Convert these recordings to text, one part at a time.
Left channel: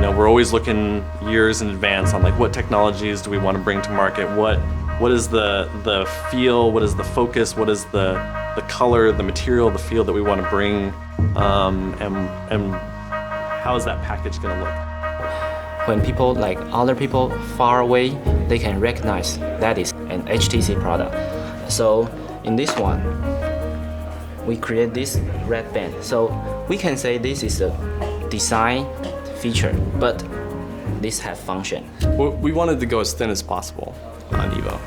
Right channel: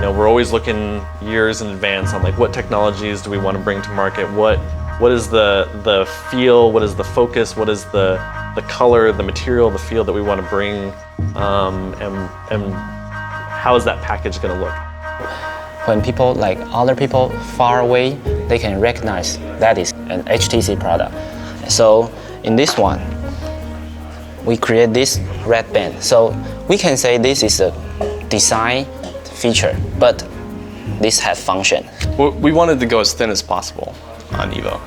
we're always looking years in advance on like what technologies do we want to bring to market, what is the feel, what is the focus, what is the color, the material, the feel that we want to bring, and how is that package going to look? When people, like other people far away, they can recognize that is an HTC product. So in this one, we create this red band. So we can say this is a design feature, but this has function. We wanted to go as thin as possible on EVO.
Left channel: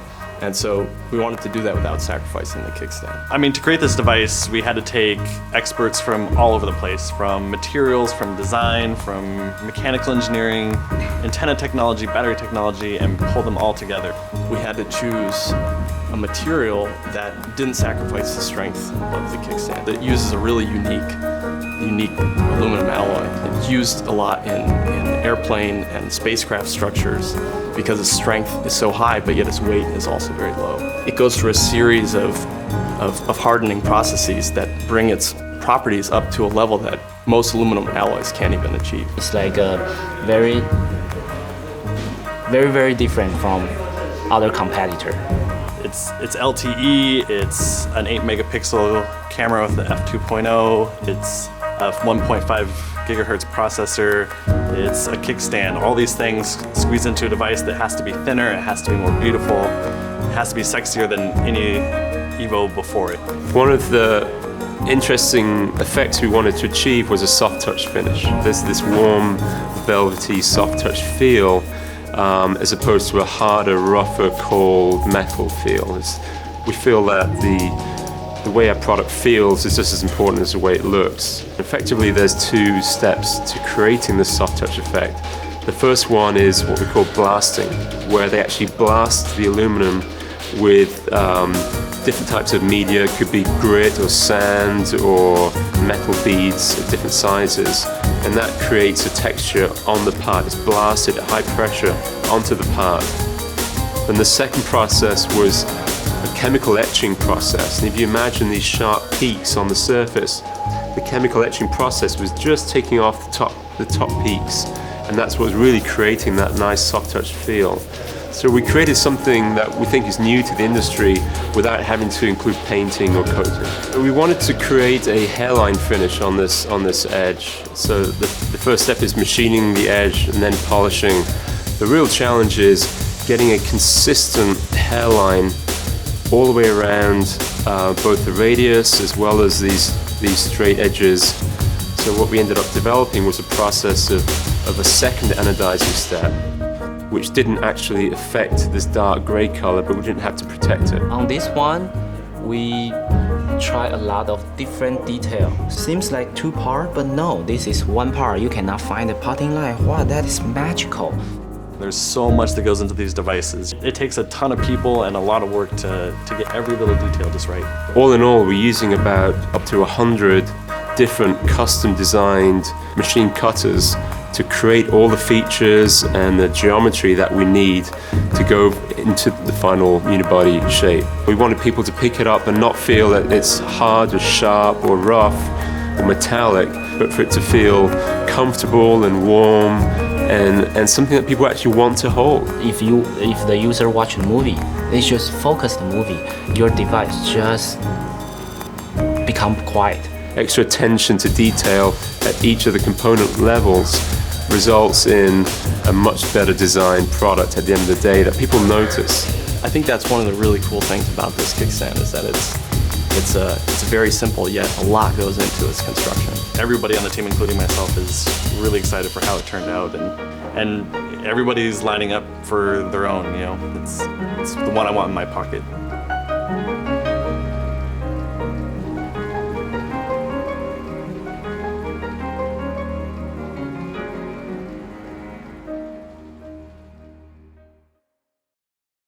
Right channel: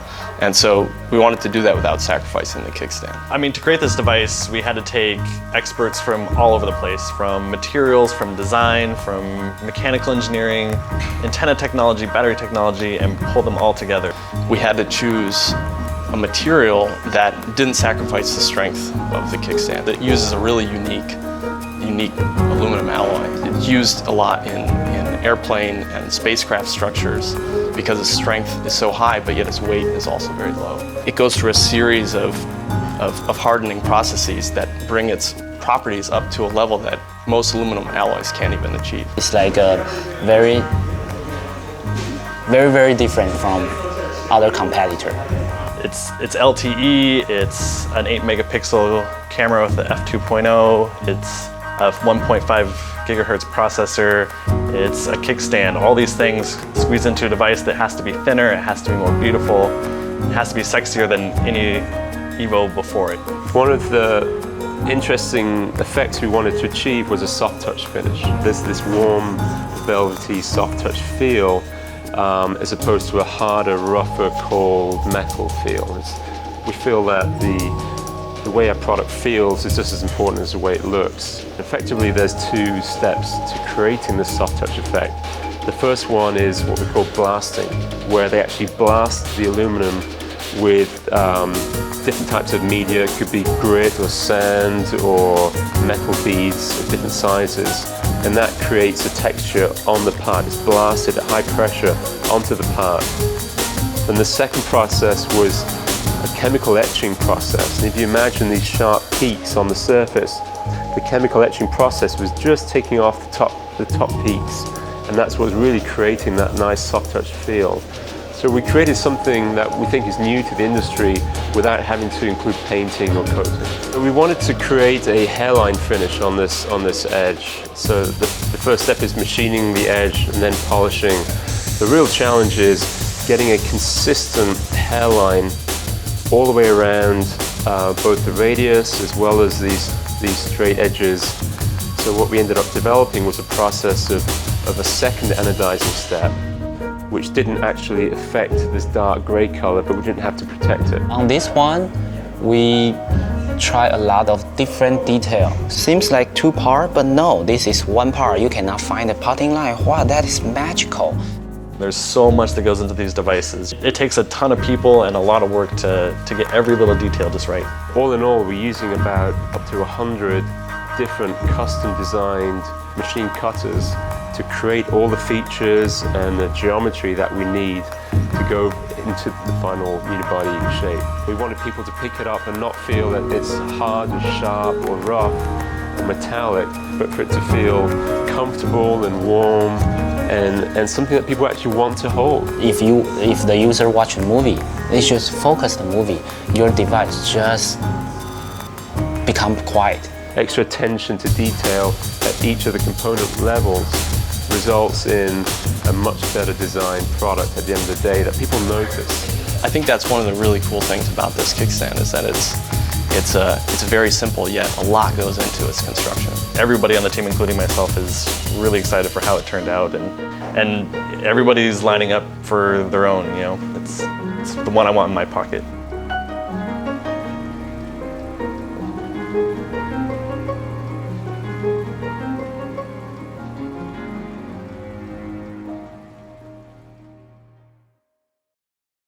And so we wanted to do that without sacrificing the kickstand. I mean, to create this device, we had to take experts from all over the place, from materials, from design, from mechanical engineering, antenna technology, battery technology, and pull them all together. We had to choose a material that didn't sacrifice the strength of the kickstand. It uses a really unique aluminum alloy. It's used a lot in airplane and spacecraft structures because its strength is so high, but yet its weight is also very low. It goes through a series of hardening processes that bring its properties up to a level that most aluminum alloys can't even achieve. It's like a very different from other competitor. It's LTE, it's an 8 megapixel camera with the f2.0, it's a 1.5 gigahertz processor, it's a kickstand. All these things squeeze into a device that has to be thinner, it has to be more beautiful, it has to be sexier than any EVO before it. One of the interesting effects we wanted to achieve was a soft touch finish. This warm, velvety, soft touch feel, as opposed to a harder, rougher, cold metal feel. We feel that the way a product feels is just as important as the way it looks. Effectively, there's two steps to creating this soft touch effect. The first one is what we call blasting, where they actually blast the aluminum with different types of media. It could be grit or sand or metal beads of different sizes, and that creates a texture on the part. It's blasted at high pressure onto the part. And the second process was a chemical etching process. And if you imagine these sharp peaks on the surface, the chemical etching process was just taking off the top peaks, and that's what was really creating that nice soft touch feel. So we created something that we think is new to the industry without having to include painting or coating. We wanted to create a hairline finish on this edge. So the first step is machining the edge and then polishing. The real challenge is getting a consistent hairline all the way around both the radius as well as these straight edges. So what we ended up developing was a process of a second anodizing step, which didn't actually affect this dark gray color, but we didn't have to protect it. On this one, we try a lot of different detail. Seems like two part, but no, this is one part. You cannot find a potting line. Wow, that is magical. There's so much that goes into these devices. It takes a ton of people and a lot of work to get every little detail just right. All in all, we're using about up to 100 different custom designed machine cutters to create all the features and the geometry that we need to go into the final unibody shape. We wanted people to pick it up and not feel that it's hard or sharp or rough or metallic, but for it to feel comfortable and warm and something that people actually want to hold. If the user watch a movie, they just focus the movie. Your device just become quiet. Extra attention to detail at each of the component levels results in a much better designed product at the end of the day that people notice. I think that's one of the really cool things about this kickstand is that it's very simple, yet a lot goes into its construction. Everybody on the team, including myself, is really excited for how it turned out, and everybody's lining up for their own. It's the one I want in my pocket.